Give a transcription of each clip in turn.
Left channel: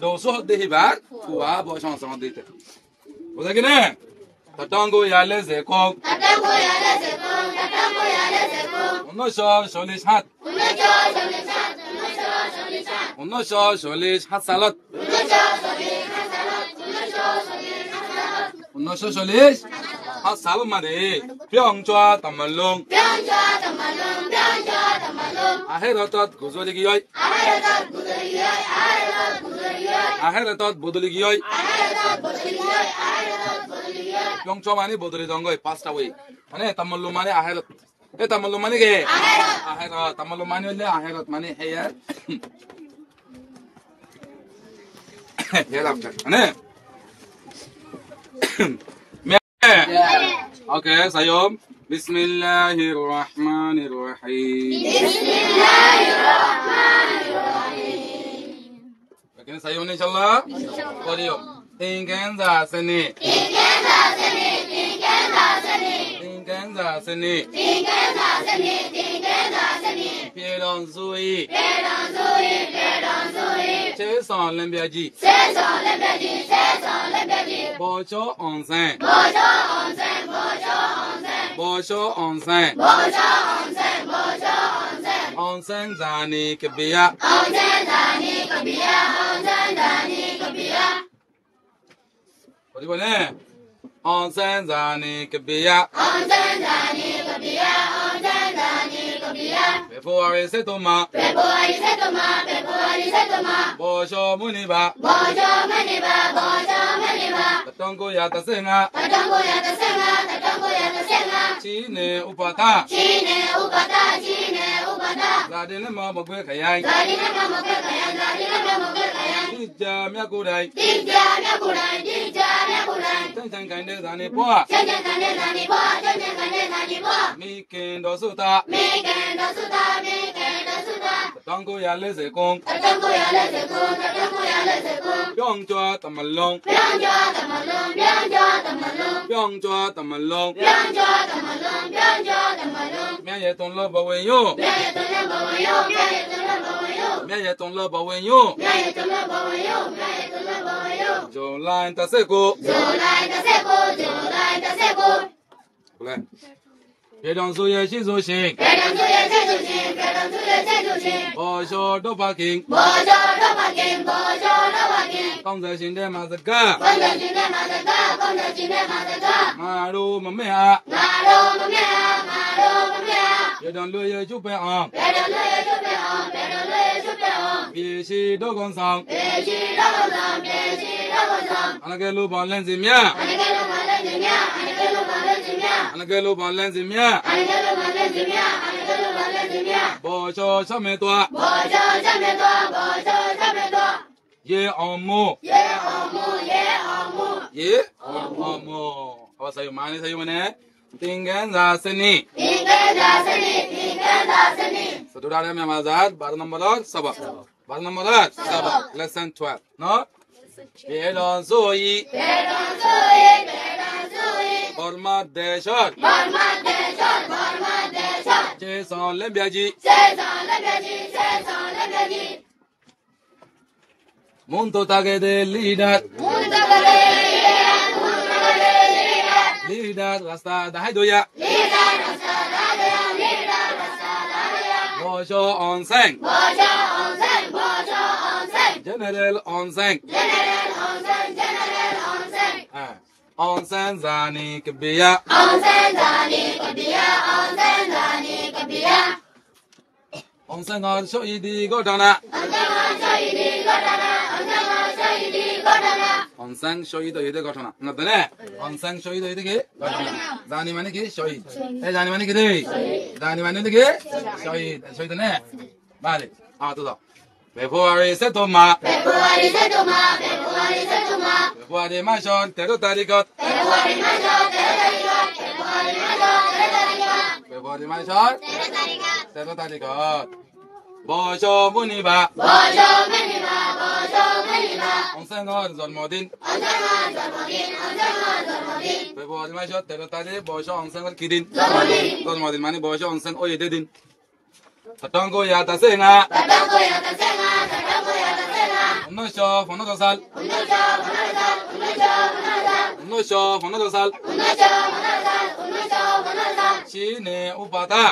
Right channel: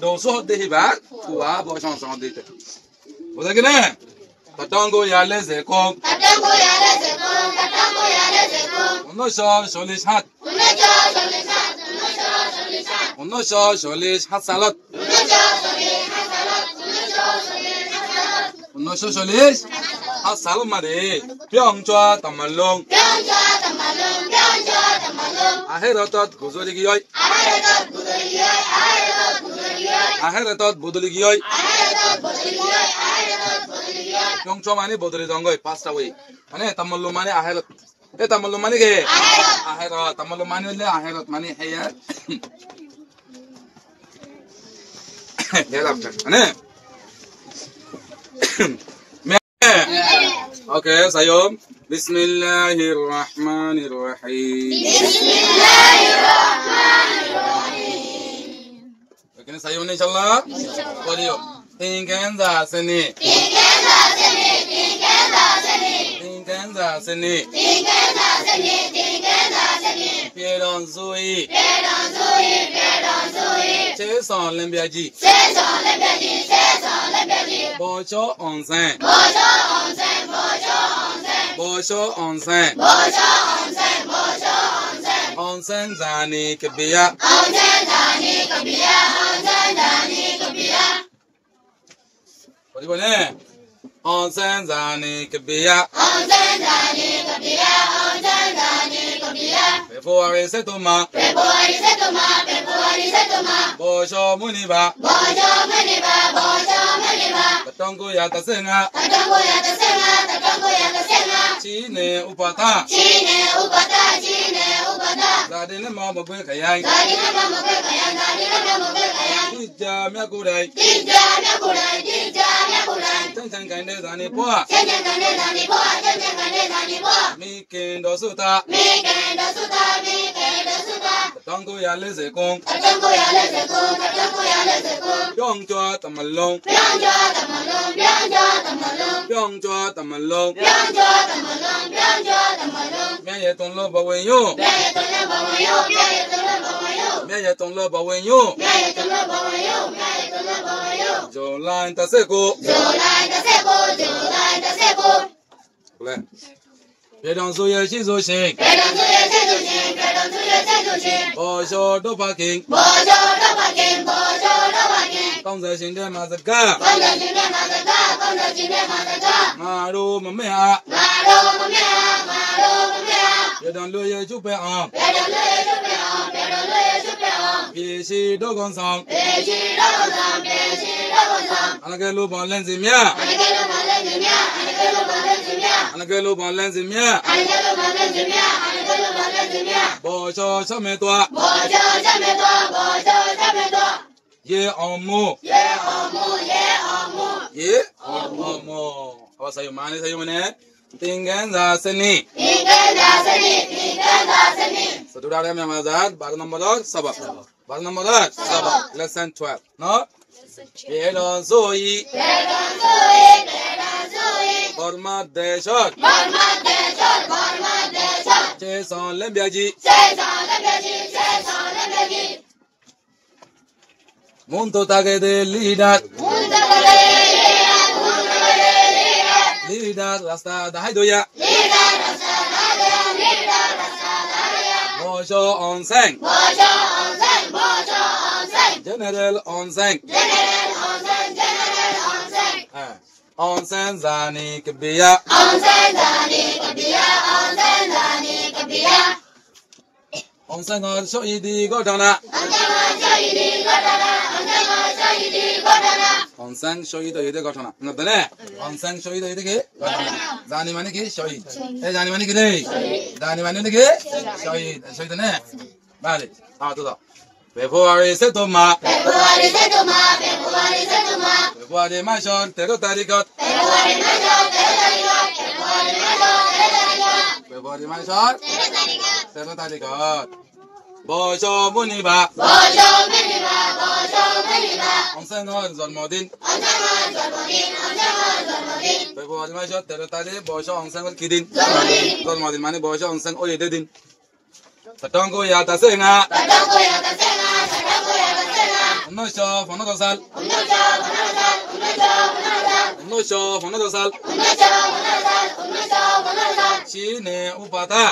doso de hibar kuwa bo chanson de te oda gine tatango ya leze kon onno sholis hat onno sholis hat salat onno sholis hat salat mare pyongchwa tamalong aheratot guzuri giyoy aheratot bodoli giyoy pyongchwa mane bodoli dongoy pasta way mane tamalong mane aherat tamalong mane ge aherat tamalong mane le aherat mane heya helalafter mane okay sayom Bismillahirrahmanirrahim. Bismillahirrahmanirrahim. Begini saya insyaallah. Audio. Tingkenza seni. Pieron zui. Cheson lembiaji. Bocho onsen. Onsen zani kebiya. What do you want? Onsen zani kebiya. February setuma. Bocho muniba. Tatongo ya tasenga. Chine upata. Ladine mo mogwe kayai. Dija miakurai. Chang kande zani poa. Mikendo suta. Tatongo ya leze kong. Pyongchwa tamalong. Miye ton lo bawenyo. Jolain taseko. Boleh. Pedang suye shizu shing. Bosho do parking. Kongza shinde mazaka. Maru mamea. Pedang luye chupe am. Bishi do gonsang. Anake lu bon lenzi mia. Bosho chame toa. Ye omu. Apa sayo mana? Tingkenza seni. Saudara yang mazad, bar nomor sabak. Lesson 12. No? Pedon zoi. Hormat deshot. Cheson lembiaji. Munto tage de leader. Leader rasta dahai doya. Bosho onsen. General onsen. Onsen zani kebiya. Onsen gar shoidi godana. Onsen shoidi ide godana. Ngadane. Onsen shoidi ide ke godana. Zani mane ki shoid. Zani mane ki dei. Zani mane ki shoid. Shoid ne. Vale. Todo. February setuma. February mashon tero tarikot. February mashon tero tarikot. Bosho muniba. Onsen on zolmodin. February mashon tero tarikot. Bosho onsen on kidin. Zolmodin mane bosho onsen oyedin. Tatongo ya tasenga. 1915 সাল 1915 সাল চীনে উপাধা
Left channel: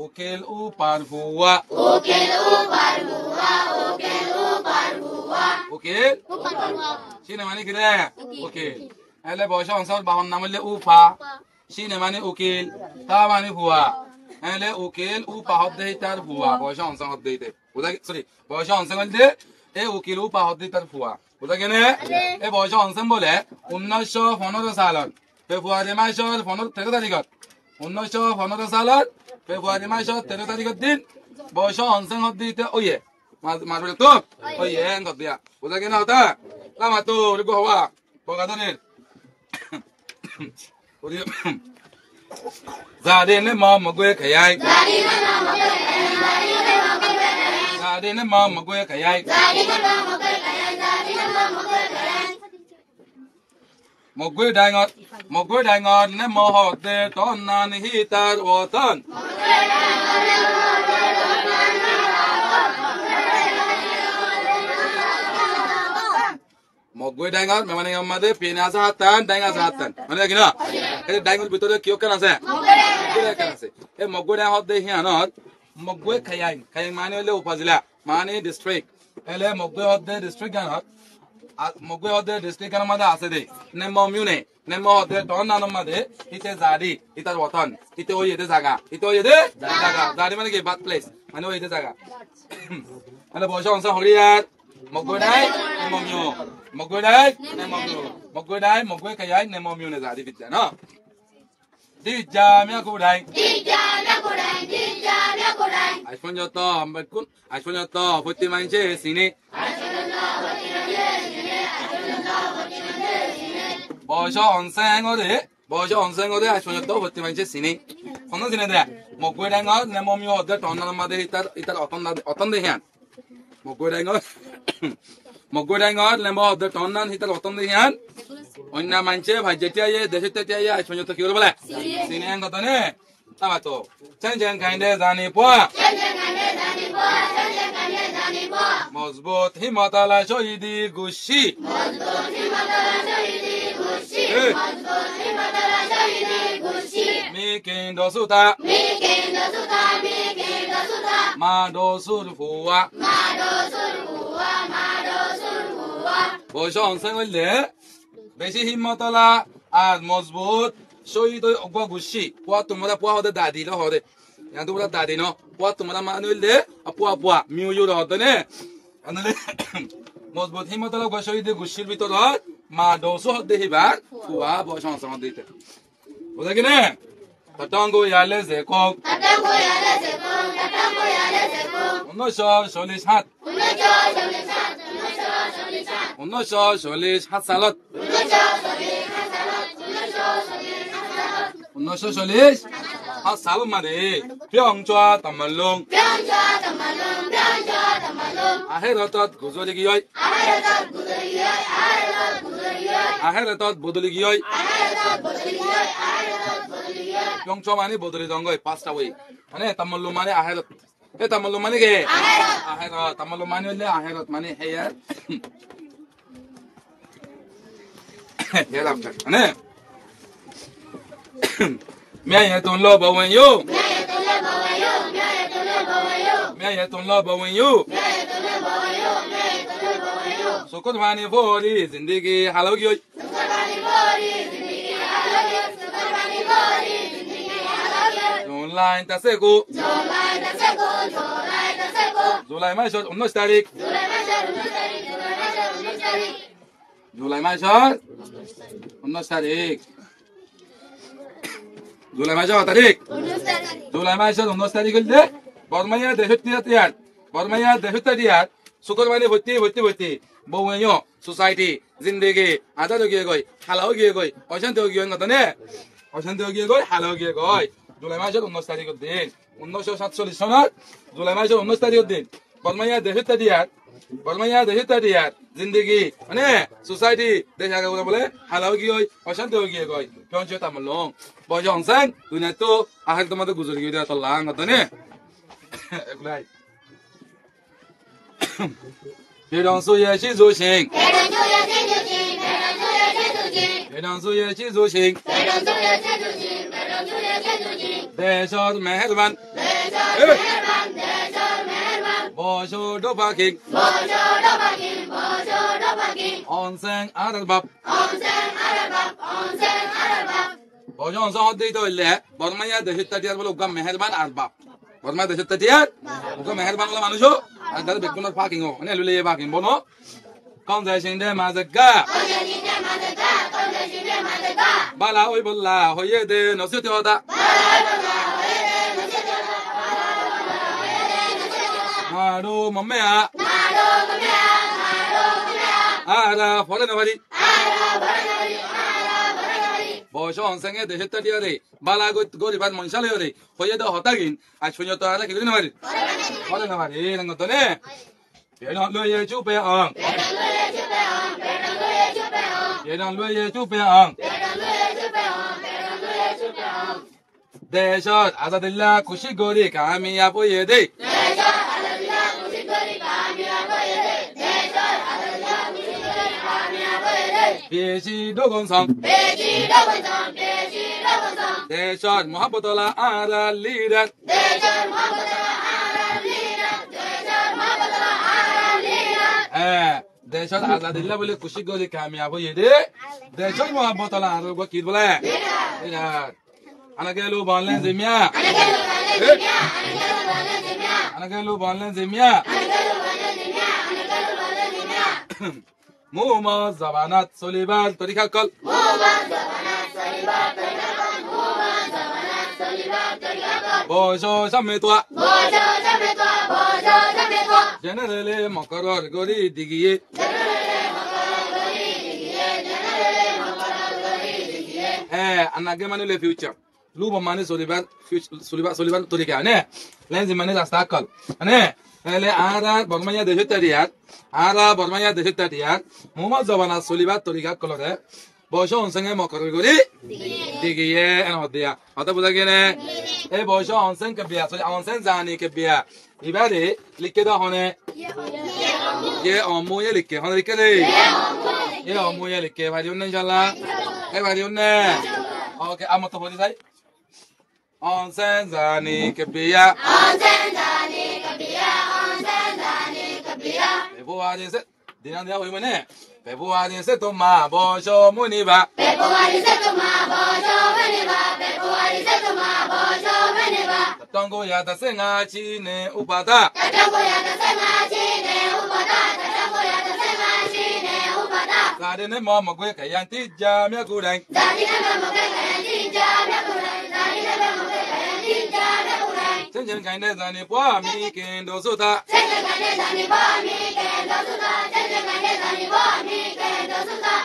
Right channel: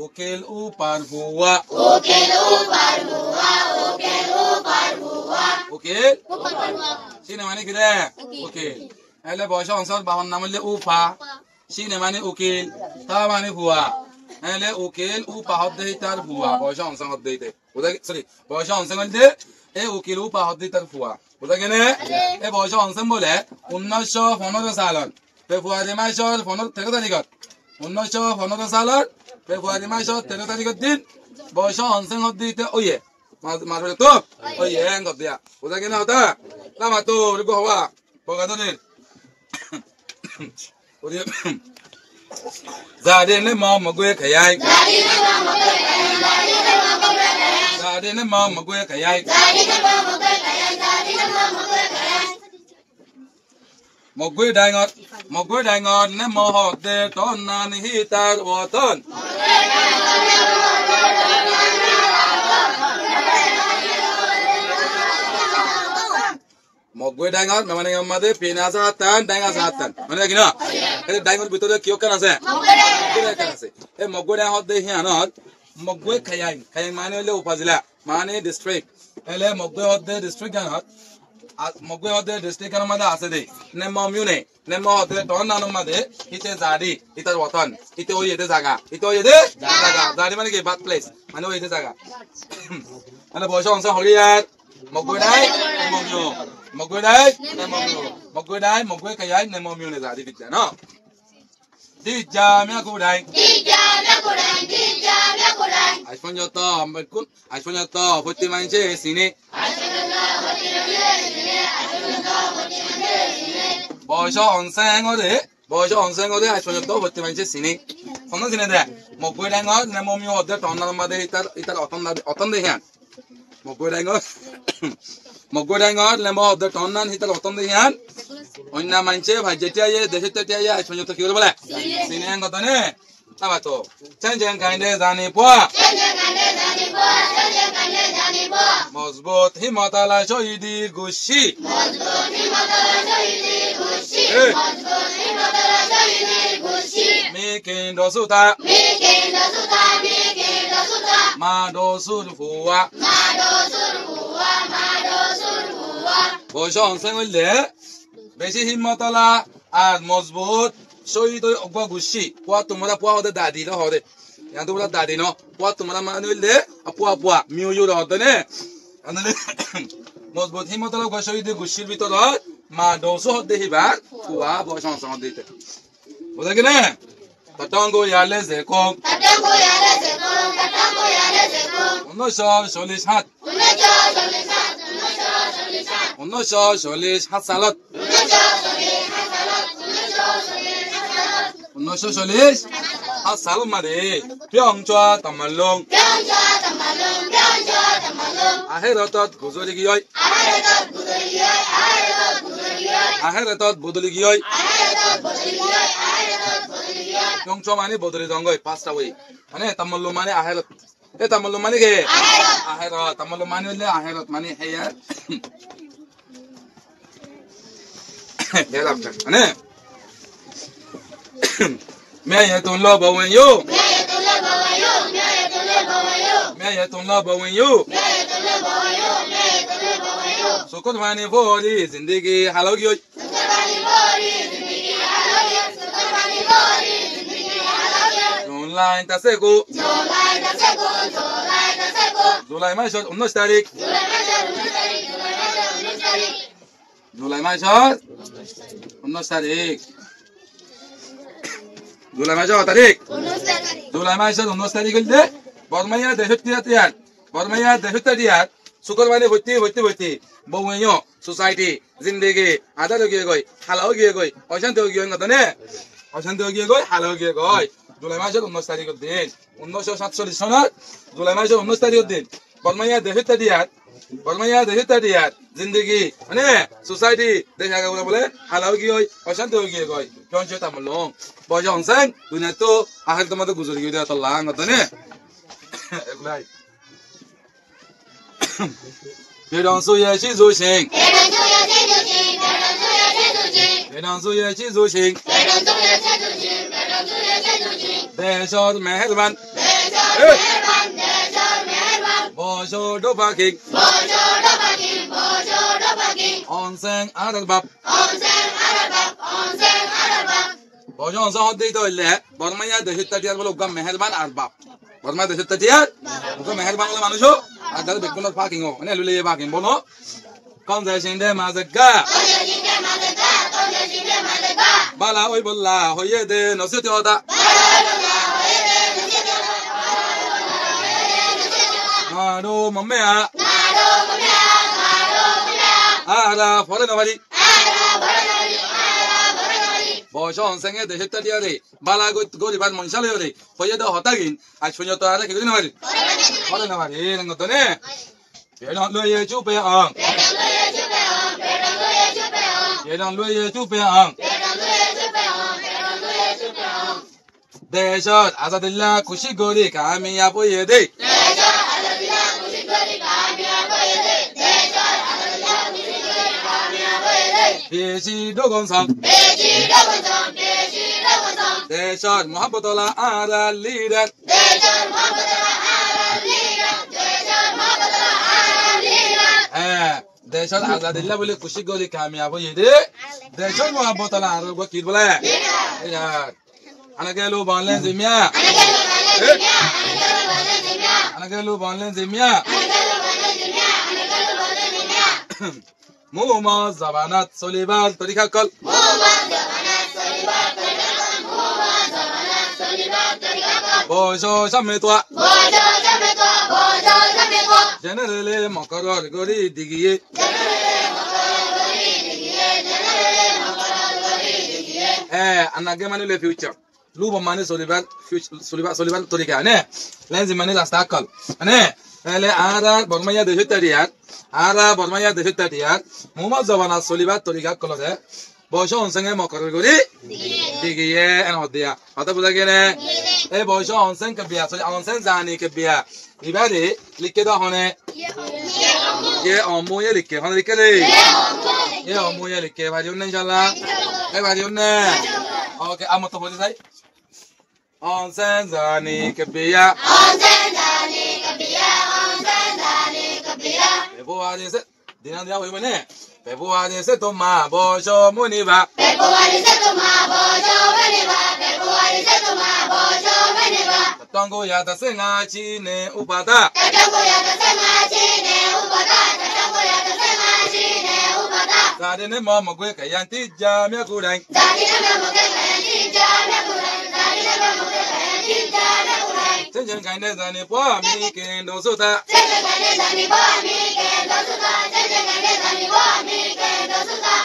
উকিল উপার ভুয়া উকিল চীনে মানে কি রে উকিল এলে বয়স অঞ্চল বাবার নাম হইলে উফা চীনে মানে উকিল তা মানে ভুয়া এলে উকিল উপা হদ্দে তার ভুয়া বয়স অঞ্চল হদ্দে বুঝা সরি বয়স অঞ্চল হইলে এই উকিল উপা হদ্দে তার ভুয়া বুঝা কেনে এই বয়স অঞ্চল বলে 1915 সালত ফেব্রুয়ারি মাসের 13 তারিখত 1915 সালত ফেব্রুয়ারি মাসের 13 তারিখের দিন বয়স অঞ্চল হদ্দে ওয়ে মাঝে তো ওয়ে এঙ্গত দিয়া বুঝা কেনে হতা লামা তো রিগো হওয়া বগাদনের gia đình nó mong mà quê cái ai gia đình nó mong mà quê cái ai một quê đại ngọt nó mò hột để tròn nan hi ta ở thân một quê đại ngọt mà mình làm mà để pina sát tan đại ngọt sát tan mình thấy kìa cái đại ngọt bị tôi kêu cái nào xem এই মগগুড়া হদ্দে হিয়ানত মগগুই খায়াই মানে হইলে উপজেলা মানে district এলে মগগুই হদ্দে district গানত মগগুই হদ্দে district গানৰ মাঝে আছে দেই নেম মিউনে নেম হদ্দে টন নানৰ মাঝে ইতে জাদি ইতার ওতন ইতে ওই এতে জায়গা ইতে ওই এতে জায়গা জাদি মানে কি বাত প্লেস মানে ওই এতে জায়গা মানে বয়স অংশ হরিয়ার মগগুড়াই নেমমিউ মগগুড়াই নেমমিউ মগগুড়াই মগগুই খায়াই নেমমিউনে জাদি বিদ্যা ন Dija mia kudai. Aishonyo to ambekun. Aishonyo to futi manche sini. Boisho onsen ode. Boisho onsen ode aishonyo to futi manche sini. Kono sini de. Mokwe dango nemomi ode tonna made itar oton de hian. Mokwe dango. Mokwe dango nemo ode tonna itar oton de hian. অন্য মানুষে ভাই যেটা দেশের তেটা আইসপর্যন্ত কি বলে সিনিয়ান কথা নে তাবা তো চেন চেন কাইন্ডে জানি পোয়া মজবুত হিমতালা শহীদি গুশি মিকিন দসুতা মা দসুর ফুয়া বয়স অংশ হইলে বেশি হিম্মতলা আর মজবুত শহীদ অগা গুছি পোয়া তোমরা পোয়া হদে দাদি লো হদে ইয়ান তোমরা দাদি ন পোয়া তোমরা মানুললে পোয়া পোয়া মিউ ইউ হদে নে আনলে মজবুত হিম্মতলা অগা শহীদ গুছির ভিতর মা দোসো হদে হিবা পোয়া বয়স অংশ হদে বুঝা কি না তাটাঙ্গো ইয়ালে যে কম 1947 সালত 1947 সাল মাদে পিয়ংচা তামালং আহেরতত গুজরি গিয়ই আহেরতত বদলি গিয়ই পিয়ংচা মানে বদলি দঙ্গই পাঁচটা ওই মানে তামালং মানে আহেরত এ তামালং মানে কে আহেরত তামালং মানে হইলে আহেরত মানে হেয়া hereafter ane mayatun la bawayu sukut mani fori zindagi halogi Julai taseku Julai masuk 19 tarik Julai masuk 19 tarik Julai masuk tarik Julai masuk 19 tarik gilde Bormaya dehuttiyat Bormaya dehuttiyat Sukur mani bhutti Bawinyo society zindagi adar hoye goi halal hoye goi oshanti hoye ngatane oshanti hoye goi halal hoye goi Julai masuk 19 tarik din 1947 sonat Julai masuk 19 tarik din Bormaya dehuttiyat जिंदगी মানে society দেখা গেল বলে হালাও কি হয় অশান্তি হয়ে গিয়ে গয় কোন চতা মলো বয় অনসান দুনিয়া তো আহের তোমাদের গুজরি গিয়ে তো লাং হতো নে এগুলাই 别让树叶去做情，别让树叶去做情，别说没得办，我说都发给，安生阿德巴。Bojo sahod dito ile, bormanya desit tadiar bolo gam meherban arbab. Bormanya desit tadiar, ugo meherban ola manusho, adal bekunor parking ho, ane lule ye parking bono. Kon se sinde mazga. Bala oi bolla, hoye de nositi oda. Nado mamea. Ara fola nawali. Bojo onsenge desit tadiar re, bala go ribat monshale re, hoye de hotagin, ashunyo to ara kigri nawali. Fola nawali, rangotone. Pedang lu ye chupe ang. Pedang lu ye chupe ang. Deshat azadillah kushi gori kamiyab ye de. Peshi dogon sam. Deshat muhabbatullah ala lider. देशर आजादिल्ला बोले खुशी गोली कामयाब ये दे देशर मोहब्बत अला आरो को किद बोले यार अनगेलु बोलने जिमिया अनगेलु बोलने जिमिया मुमा जबानत सोलिबाल तरीका कल Osho शमेतवा Generally, Makaro, Gori, Digi. And again, the future. Luba Mani Solivan, Solivan Torika, ne? Lenzi Mani Astakal. Ne? Ele Ara, Bormaya de Hitariat, Ara, Bormaya de Hitariat, Muma Zavana Soliva Torika Colore, Boshon Sanga Makaro, Digi, and Odia. Otabugane, a Boshon Sankabia, so on Senzani Kabia. Ibadi, likeda hone. Ye omu ye likke, hone likke le. Ye omu ye likke, bari unne inshallah. Bari unne. Okay, amo to boli sai. Onsen zani kebiya. Onsen zani kebiya. Onsen zani kebiya. Februari se, dinan dia hoy mane. Februari se to ma bojo muniba. Februari se to ma bojo muniba. Februari se to ma bojo muniba. Tango ya da senga chine upada. Tango ya da senga chine upada. Tango ya da senga chine upada. Sade ne mo mo gwe kayanti jamya kurai. Sade ne mo mo gwe kayanti jamya kurai. Sade ne mo mo gwe kayanti jamya kurai. Senjen kaine zani po mi kendo suta. Senjen kaine zani po mi kendo suta. Senjen kaine zani po mi kendo suta.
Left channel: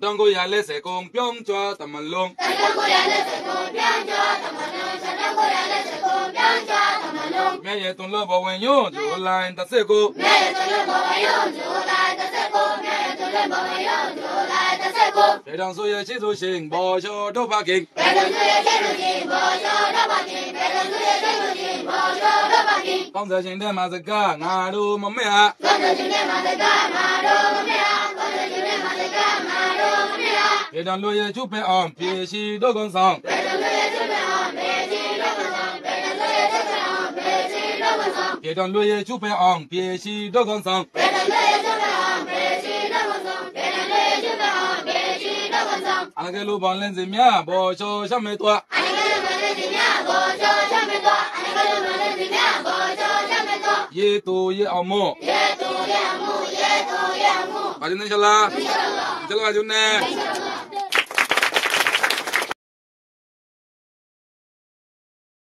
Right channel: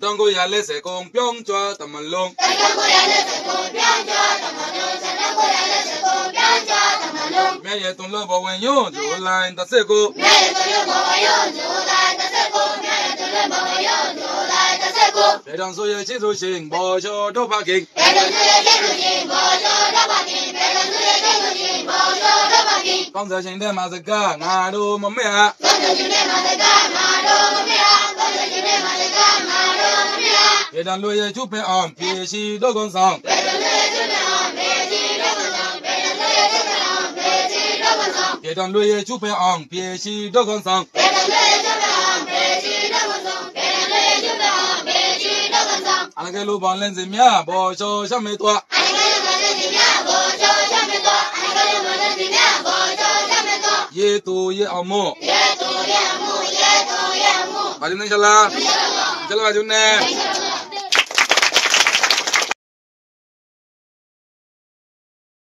Tango ya le se kompyong chwa tamalong. Tango ya le se kompyong chwa tamalong. Tango ya le se kompyong chwa tamalong. Me ye ton lo bo wen yo jo la inta se ko. Me ye ton lo bo wen yo jo la inta se ko. Me ye ton lo bo wen yo jo la inta se ko. Pedang so ye chi so sing bo cho do pa king. Pedang so ye chi so sing bo cho do pa king. Pedang so ye chi so sing bo cho do pa king. Kong se sing de ma se ga nga do mo me ha. Kong se sing de ma se ga nga do mo me ha. Kong se sing de ma se ga nga do mo me ha. Pedang lo ye chu pe on pie si do gon song. Pedang lo ye chu pe on pie si do gon song. Pedang lo ye chu pe on pie si do gon song. Pedang lo ye chu pe on pie si do gon song. Pedang lo ye chu pe on pie si do gon song. Pedang lo ye chu pe on pie si do gon song. Anagelu bonlen zimya bo cho shame twa. Anagelu bonlen zimya bo cho shame twa. Anagelu bonlen zimya bo cho shame twa. Ye tu ye amu. Ye tu ye amu. Ye tu ye amu. Bari inshallah. Inshallah. Chalo ajunne.